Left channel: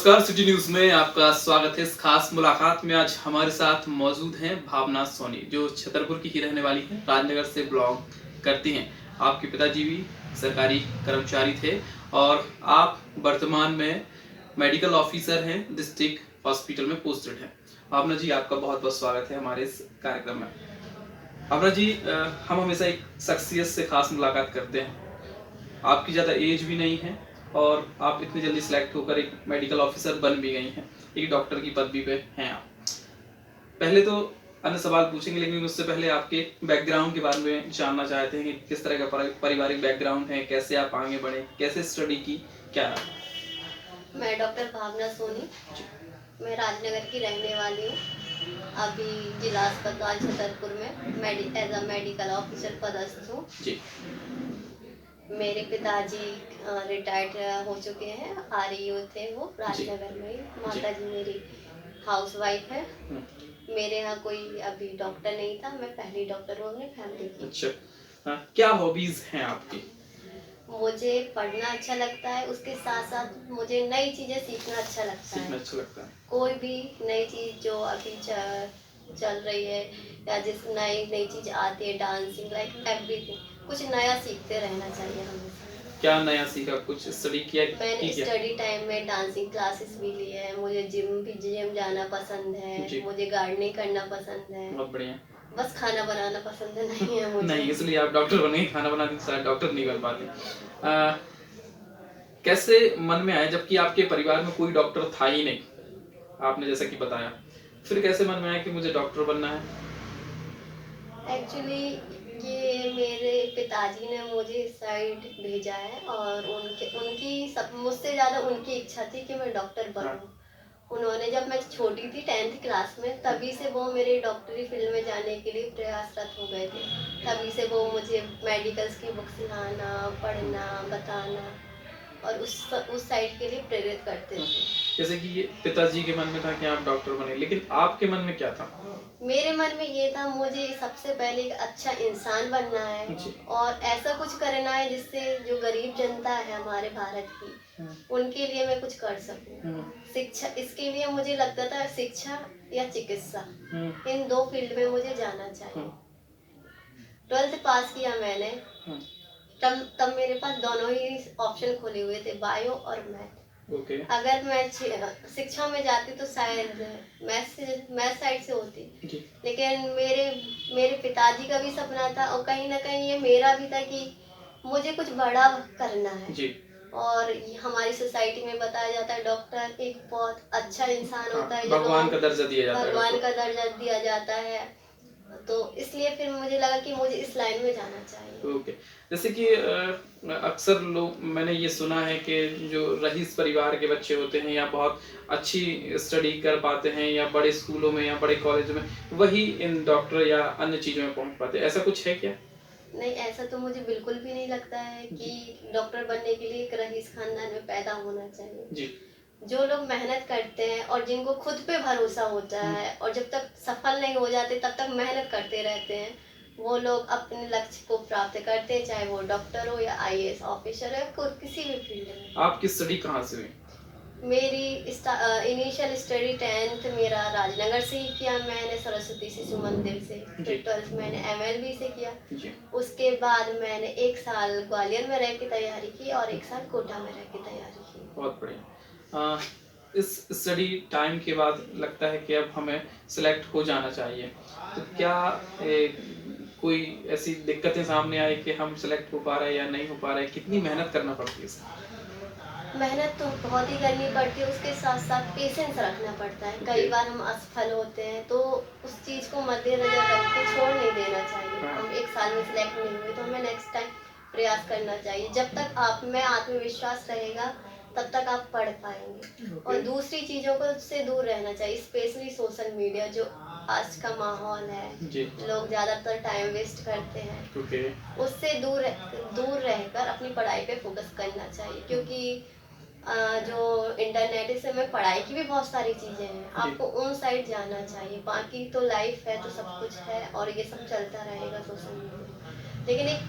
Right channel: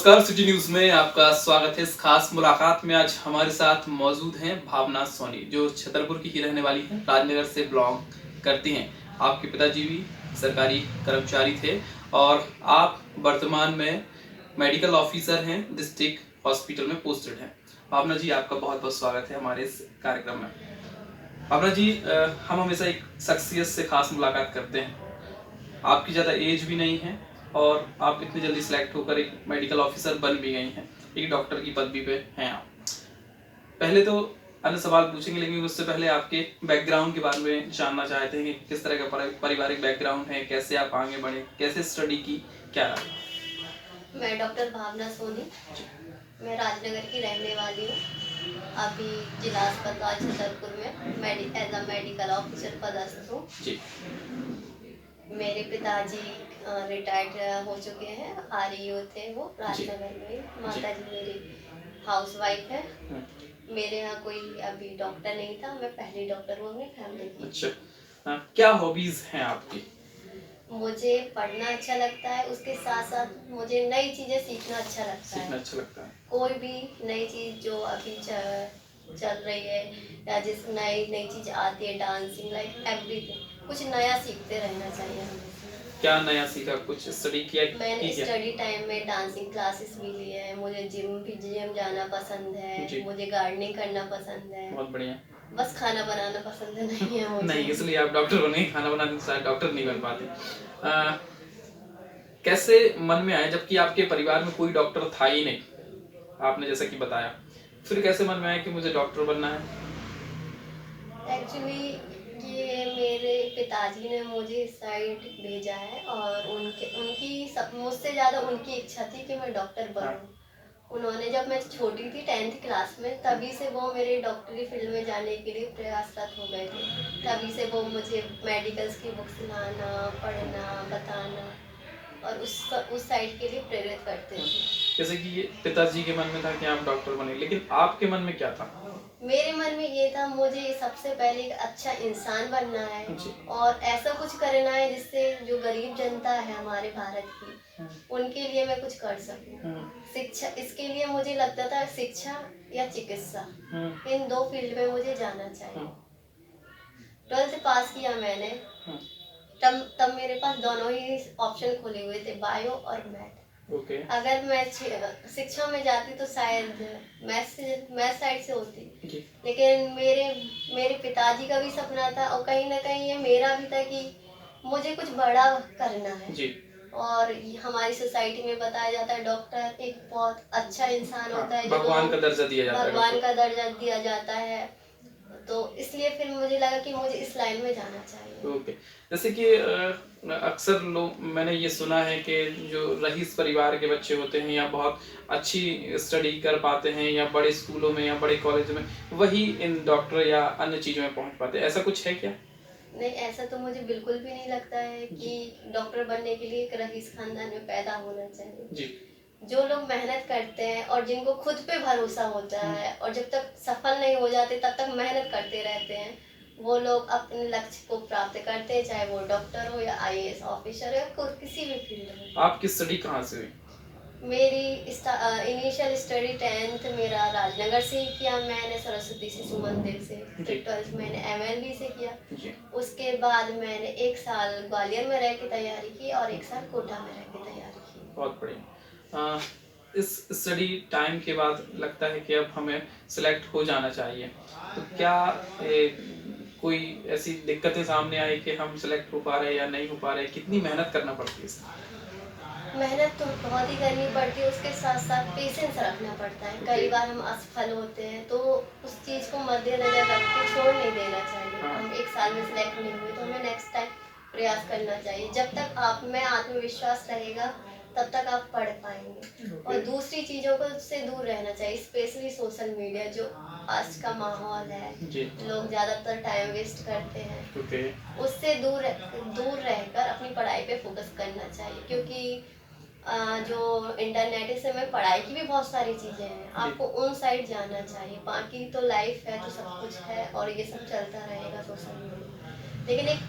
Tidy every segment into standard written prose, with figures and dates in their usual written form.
नमस्कार, city news में आपका स्वागत है। इस खास मुलाकात में आज हमारे साथ मौजूद हैं भावना सोनी, जो छतरपुर की ही रहने वाली हैं, राजनगर से बिलोंग करती हैं। आपके पिताजी भी सरकारी कर्मचारी थे और आप वर्तमान में मेडिकल ऑफिसर हैं, डिस्ट्रिक्ट हॉस्पिटल में पोस्टेड हैं। भावना जी, आपका बहुत बहुत स्वागत है हमारे इस कार्यक्रम में। भावना जी, हम हमेशा एक शख्सियत से खास मुलाकात करते हैं। आपकी ज़्यादा एज भी नहीं है और आप इतनी जल्दी सिलेक्ट होकर एक मेडिकल ऑफिसर बन भी गई हैं, एक डॉक्टर की पदवी पे हैं आप। पहले तो अन्य सवाल पूछेंगे, लेकिन उससे पहले आपके बैकग्राउंड के बारे में जानना चाहते हैं कि किस तरह का पारिवारिक बैकग्राउंड है, कैसे आप आगे बढ़े, कैसे स्टडी की, क्या रहा? मैं डॉक्टर भावना सोनी, मैं राजनगर की रहने वाली हूँ। अभी जिला अस्पताल छतरपुर में एज अ मेडिकल ऑफिसर पदस्थ हूँ। मेरे पिताजी रिटायर्ड हो चुके हैं, आरईओ थे वो राजनगर में। माता जी मेरी हाउस वाइफ है। मेरे यहाँ कोई अभी डॉक्टर नहीं था, मैं पहली डॉक्टर हूँ अपनी फैमिली की। अच्छा, क्या हॉबीज हैं आपकी? मुझे पढ़ना अच्छा लगता है, उसके साथ साथ मुझे नई चीजें सीखना अच्छा लगता है। कोई भी नई चीज जो अभी चल रही है या जिस नई चीज आती है, डांसिंग लाइक एवरीथिंग, कुछ नया सीखते रहना चाहिए हमें। क्या नया सीखा, कुछ स्टडी किया? मैंने स्टडी टाइम में डांसिंग क्लासेस भी लिए हैं। मुझे जिम जाना पसंद है, मुझे गार्डनिंग करना पसंद है। बहुत बढ़िया। बस खाना बनाना पसंद नहीं है मुझे। नहीं, इसलिए आप डॉक्टर बने। खाना बनाने के साथ डॉक्टर नहीं बन पाते। कैसे मन में आए, जबकि आपके परिवार में कोई डॉक्टर था ही नहीं, आपने जैसा कि बताया, फिर कैसे मन में आया कि मुझे डॉक्टर बनना है? एक्चुअली ये मेरे पिताजी ने मुझे इस साइड भेजा है और उनकी सब मुझसे ज़्यादा उनकी इच्छा थी कि मैं डॉक्टर बनूं। उन्होंने, जब मैं छोटी थी 10th क्लास में, तभी से वो मेरे डॉक्टरी फील्ड में जाने के लिए प्रयासरत हो गए थे। तभी से वो मुझे मेडिकल्स की बुक्स लाना, पढ़ना, बताना और उस साइड के लिए प्रेरित करते थे। जैसे कि ये पिताजी के मन में था कि आप डॉक्टर बने, लेकिन आपके मन में क्या था? मेरे मन में ये था, मुझे सबसे पहले एक अच्छा इंसान बनना है और ऐसा कुछ करना है जिससे जो गरीब जनता है हमारे भारत की, उनके लिए मैं कुछ कर सकूं। शिक्षा, इसके लिए मुझे लगता था शिक्षा या चिकित्सा, इन दो फील्ड में मुझे जाना चाहिए। 12th पास किया मैंने, तब मेरे पास दोनों ही ऑप्शन खुले हुए थे, बायो और मैथ। अगर मैं शिक्षा में जाती तो शायद मैथ साइड से होती, लेकिन मेरे पिताजी का भी सपना था और कहीं ना कहीं ये मेरा भी था कि मुझे कुछ बड़ा करना है। और हमारी सोसाइटी में बताया जाता है डॉक्टर एक बहुत अच्छा इंसान होता है, भगवान का दर्जा दिया जाता है, भगवान का दर्जा दिया जाता है। तो इसलिए फिर मुझे लगा कि मुझे इस लाइन में जाना चाहिए। जैसे कि अक्सर लोग, मैंने ये सुना है कि जो रईस परिवार के बच्चे होते हैं या बहुत अच्छी स्टडी कर पाते हैं या बड़े स्कूलों में या बड़े कॉलेजों में, वही इन डॉक्टर या अन्य चीजों में पहुंच पाते हैं। ऐसा कुछ है क्या? नहीं, ऐसा तो मुझे बिल्कुल भी नहीं लगता है कि डॉक्टर बनने के लिए एक रईस खानदान में पैदा होना चाहिए जी। जो लोग मेहनत करते हैं और जिनको खुद पे भरोसा होता है और जब तक सफल नहीं हो जाते तब तक मेहनत करते रहते हैं, वो लोग अपने लक्ष्य को प्राप्त करते हैं, चाहे वो डॉक्टर हो या आईएएस ऑफिसर हो, किसी भी फील्ड में। आपकी स्टडी कहाँ से हुई? मेरी इनिशियल स्टडी 10th मेरा राजनगर से ही किया मैंने, सरस्वती शिशु मंदिर से। फिर 12th मैंने एमएलबी से किया जी। उसके बाद मैंने 1 साल ग्वालियर में रह के तैयारी की और 1 साल कोटा में रह के तैयारी की। बहुत बढ़िया। इस स्टडी टाइम के बाद लगता है कि अब हमें सिलेक्ट हो जाना चाहिए, तो क्या कोई ऐसी दिक्कतें सामने आई कि हम सिलेक्ट हो पा रहे हैं या नहीं हो पा रहे? कितनी मेहनत करना पड़ती है? मेहनत तो बहुत ही करनी पड़ती है, उसके साथ साथ पेशेंस रखना पड़ता है। कई बार हम असफल होते हैं तो उस चीज़ को मद्देनजर रख के छोड़ नहीं देना चाहिए। हम 1 साल में सिलेक्ट नहीं हुए तो हमें नेक्स्ट टाइम प्रयास करना चाहिए। जब तक आप में आत्मविश्वास रहेगा तब तक आप पढ़ पाएंगे। और दूसरी चीज़ों को से दूर रहना चाहिए, स्पेशली सोशल मीडिया जो आज का माहौल है, लोग ज़्यादातर टाइम वेस्ट करते हैं। उससे दूर रहकर अपनी पढ़ाई पे फोकस करना चाहिए, क्योंकि जो इंटरनेट से में पढ़ाई की भी बहुत सारी चीज़ें हैं, आपको उन साइड जाना चाहिए। बाकी तो लाइफ है, तो सब कुछ है और ये सब चलता रहेगा सोशल मीडिया। लेकिन एक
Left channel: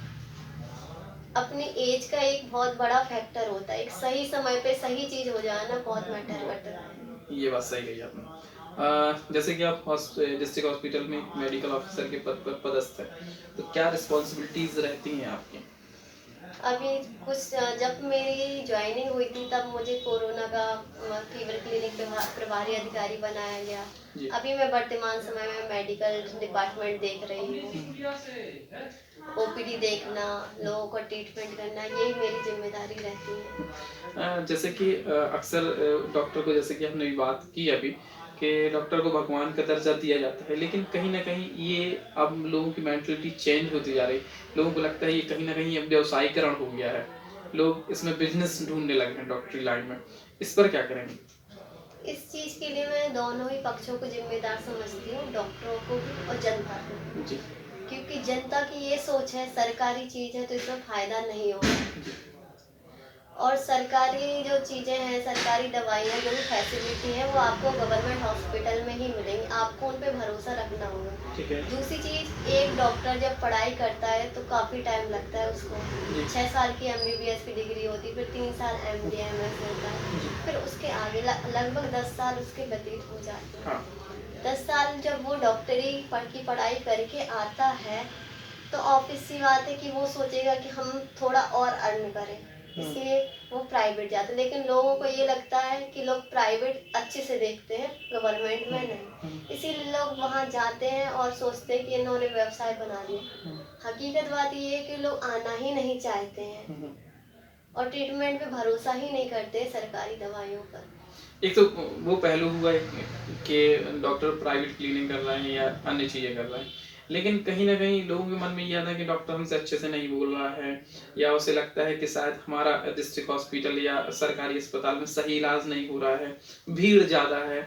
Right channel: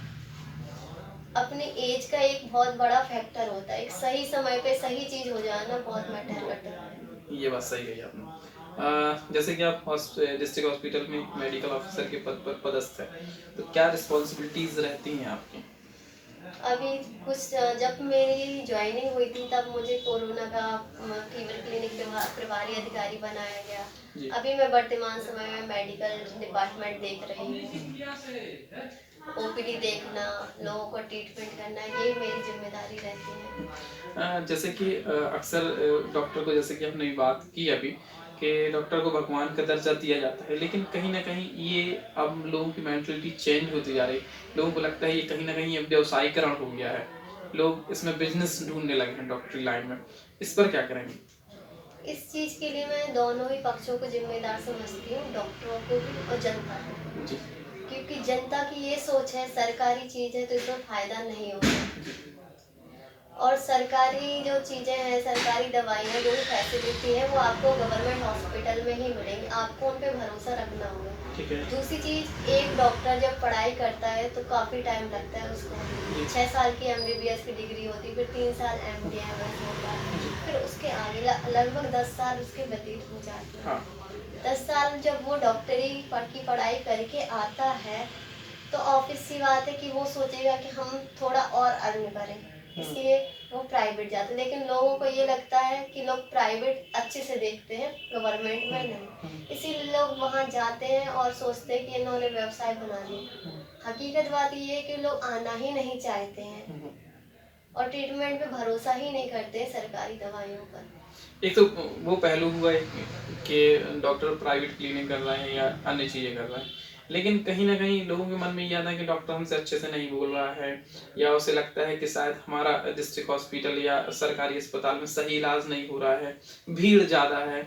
अपनी एज का एक बहुत बड़ा फैक्टर होता है। एक सही समय पे सही चीज हो जाना बहुत मैटर करता है। ये बात सही कही आपने। जैसे कि आप डिस्ट्रिक्ट हॉस्पिटल में मेडिकल ऑफिसर के पद पर पदस्थ है, तो क्या रिस्पॉन्सिबिलिटीज रहती हैं आपकी? अभी कुछ जब मेरी ज्वाइनिंग हुई थी तब मुझे कोरोना का फीवर क्लिनिक प्रभारी अधिकारी बनाया जी। गया। अभी मैं वर्तमान समय में मेडिकल डिपार्टमेंट देख रही हूँ। ओपीडी देखना, लोगों को ट्रीटमेंट करना, यही मेरी जिम्मेदारी रहती है। जैसे कि अक्सर डॉक्टर को, जैसे कि हमने भी बात की अभी, कि डॉक्टर को भगवान का दर्जा दिया जाता है, लेकिन कहीं ना कहीं ये अब लोगों की मेंटलिटी चेंज होती जा रही है। लोगों को लगता है ये कहीं ना कहीं अब व्यवसायीकरण हो गया है, लोग इसमें बिजनेस ढूंढने लगे हैं डॉक्टरी लाइन में। इस पर क्या करेंगे? इस चीज के लिए मैं दोनों ही पक्षों को जिम्मेदार समझती हूँ, डॉक्टरों को भी और जनता को। जी। क्योंकि जनता की ये सोच है सरकारी चीज है तो इसमें फायदा नहीं होगा, और सरकारी जो चीजें हैं, सरकारी दवाइयाँ, जो भी फैसिलिटी है वो आपको गवर्नमेंट हॉस्पिटल में ही मिलेंगी। आपको उन पे भरोसा रखना होगा। ठीक है। दूसरी चीज, एक डॉक्टर जब पढ़ाई करता है तो काफी टाइम लगता है उसको। 6 साल की एमबीबीएस की डिग्री होती है, फिर 3 साल एमडी एमएस होता है, फिर उसके आगे लगभग 10 साल उसके व्यतीत हो जाते हैं। 10 साल जब वो डॉक्टरी की पढ़ाई करके आता है तो ऑब्वियस सी बात है कि वो सोचेगा कि हम थोड़ा और अर्न करें, इसलिए वो प्राइवेट जाते हैं। लेकिन लोगों को ये लगता है कि लोग प्राइवेट अच्छे से देखते हैं, गवर्नमेंट में नहीं, इसीलिए लोग वहाँ जाते हैं और सोचते हैं कि इन्होंने व्यवसाय बना लिया। हकीकत बात ये है कि लोग आना ही नहीं चाहते हैं और ट्रीटमेंट पे भरोसा ही नहीं करते सरकारी दवाइयों पर। एक तो वो पहलू हुआ है कि डॉक्टर प्राइवेट क्लिनिक कर रहे हैं या अन्य चीजें कर रहे हैं, लेकिन कहीं ना कहीं लोगों के मन में ये आता है कि डॉक्टर हमसे अच्छे से नहीं बोल रहा है, या उसे लगता है कि शायद हमारा डिस्ट्रिक्ट हॉस्पिटल या सरकारी अस्पताल में सही इलाज नहीं हो रहा है, भीड़ ज्यादा है।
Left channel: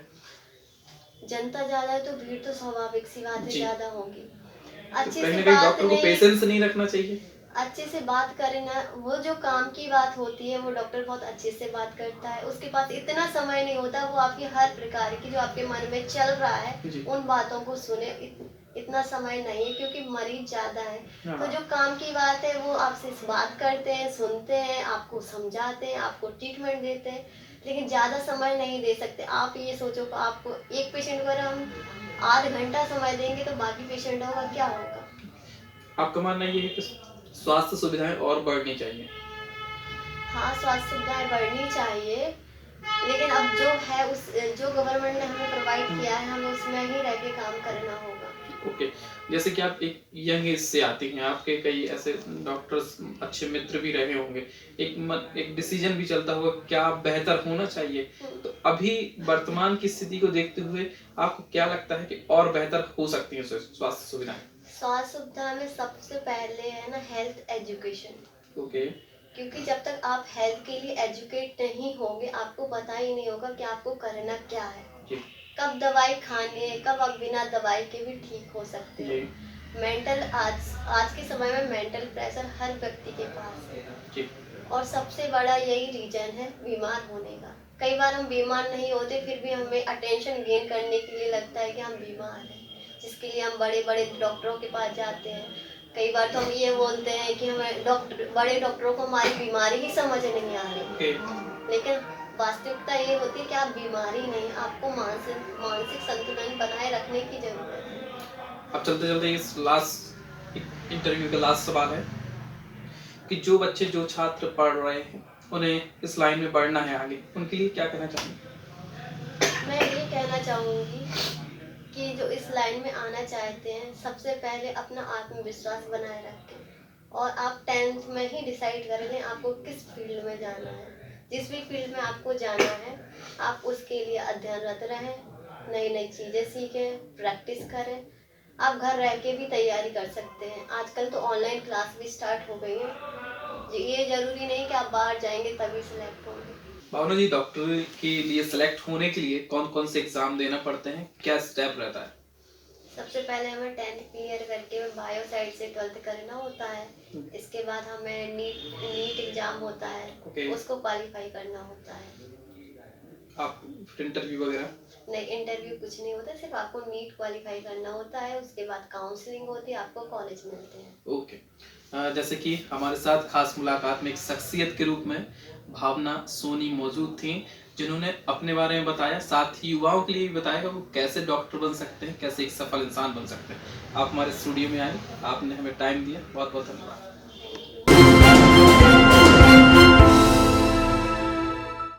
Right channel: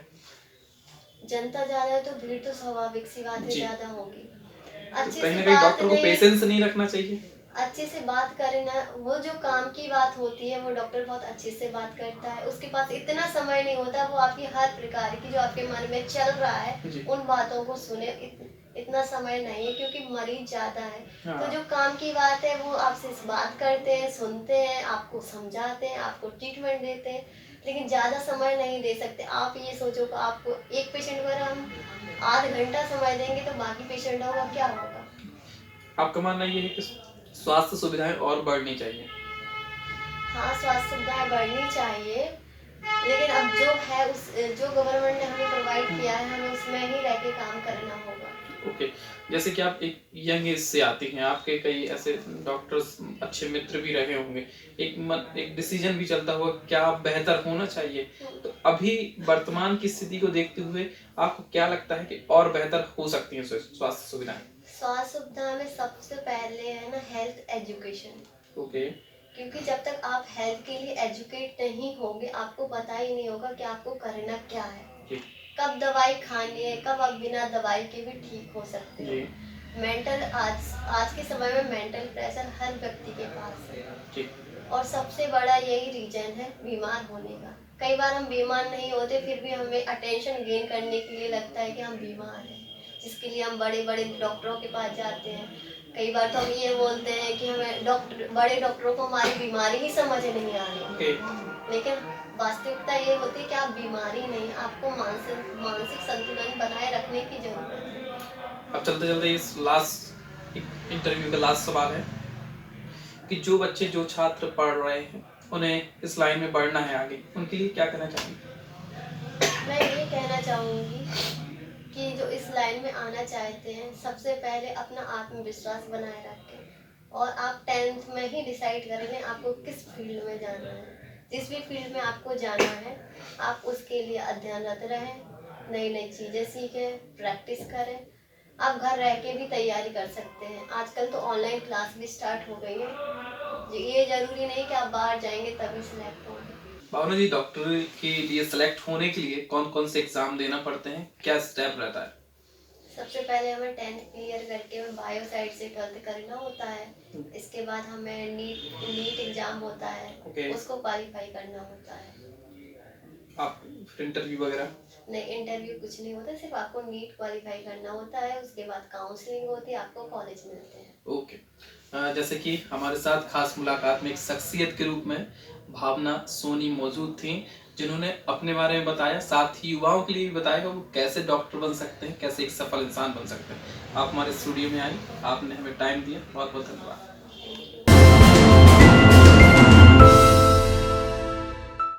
जनता ज्यादा है तो भीड़ तो स्वाभाविक सी बात है, जी। ज्यादा होगी। तो अच्छे कहीं से ना कहीं बात डॉक्टर को नहीं, पेशेंस नहीं रखना चाहिए। अच्छे से बात करे ना, वो जो काम की बात होती है वो डॉक्टर बहुत अच्छे से बात करता है। उसके पास इतना समय नहीं होता, वो आपकी हर प्रकार की जो आपके मन में चल रहा है उन बातों को सुने, इतना समय नहीं है क्योंकि मरीज ज्यादा है। तो जो काम की बात है वो आपसे बात करते हैं, सुनते हैं, आपको समझाते हैं, आपको ट्रीटमेंट देते हैं, लेकिन ज्यादा समय नहीं दे सकते। आप ये सोचो कि आपको एक पेशेंट को अगर हम आध घंटा समय देंगे तो बाकी पेशेंटों का क्या होगा। आपका मानना ये है कि स्वास्थ्य सुविधाएं और बढ़नी चाहिए? हाँ, स्वास्थ्य सुविधाएं बढ़नी चाहिए, लेकिन अब जो है उस जो गवर्नमेंट ने हमें प्रोवाइड किया है हमें उसमें ही रह के काम करना होगा। ओके। जैसे कि आप एक यंग एज से आती हैं, आपके कई ऐसे डॉक्टर्स अच्छे मित्र भी रहे होंगे, एक डिसीजन भी चलता होगा क्या बेहतर होना चाहिए, तो अभी वर्तमान की स्थिति को देखते हुए आपको क्या लगता है कि और बेहतर हो सकती है स्वास्थ्य सुविधाएं? स्वास्थ्य सुविधा में सबसे पहले है ना हेल्थ एजुकेशन। ओके। क्योंकि जब तक आप हेल्थ के लिए एजुकेट नहीं होंगे आपको पता ही नहीं होगा कि आपको करना क्या है, कब दवाई खानी है, कब आप बिना दवाई के भी ठीक हो सकते हैं। मेंटल आज के समय में मेंटल प्रेशर हर व्यक्ति के पास है, और सबसे बड़ा यही रीजन है बीमार होने का। कई बार हम बीमार नहीं होते फिर भी हमें अटेंशन गेन करने के लिए लगता है कि हम बीमार हैं, जिसके लिए हम बड़े बड़े डॉक्टरों के पास जाते हैं। कई बार तो हम ये बोलते हैं कि हमें बड़े डॉक्टरों को हमारी बीमारी ही समझ नहीं आ रही, लेकिन वास्तविकता ये होती है कि आप बीमारी नहीं, आपको मानसिक संतुलन बनाए रखने की जरूरत है। अब चलते चलते इस लास्ट इंटरव्यू का लास्ट सवाल है कि जो बच्चे, जो छात्र पढ़ रहे हैं, उन्हें इस लाइन में बढ़ना है आगे, उनके लिए क्या कहना चाहेंगे? मैं ये कहना चाहूंगी कि जो इस लाइन में आना चाहते हैं सबसे पहले अपना आत्मविश्वास बनाए रखें, और आप 10th में ही डिसाइड कर लें आपको किस फील्ड में जाना है। जिस भी फील्ड में आपको जाना है आप उसके लिए अध्ययनरत रहें, नई नई चीज़ें सीखें, प्रैक्टिस करें। आप घर रह के भी तैयारी कर सकते हैं, आजकल तो ऑनलाइन क्लास भी स्टार्ट हो गई है। ये जरूरी नहीं कि आप बाहर जाएंगे तभी सिलेक्ट होंगे। भावना जी, डॉक्टर के लिए सिलेक्ट होने के लिए कौन कौन से एग्जाम देना पड़ते हैं, क्या स्टेप रहता है? सबसे पहले हमें 10th क्लियर करके बायो साइड से 12th करना होता है। इसके बाद हमें नीट एग्जाम होता है, उसको क्वालिफाई करना होता है। आप इंटरव्यू वगैरह? नहीं, इंटरव्यू कुछ नहीं होता, सिर्फ आपको नीट क्वालिफाई करना होता है। उसके बाद काउंसलिंग होती है, आपको कॉलेज मिलते हैं। ओके। जैसे कि हमारे साथ खास मुलाकात में एक शख्सियत के रूप में भावना सोनी मौजूद थी, जिन्होंने अपने बारे में बताया, साथ ही युवाओं के लिए भी बताया वो कैसे डॉक्टर बन सकते हैं, कैसे एक सफल इंसान बन सकते हैं। आप हमारे स्टूडियो में आए, आपने हमें टाइम दिया, बहुत बहुत धन्यवाद।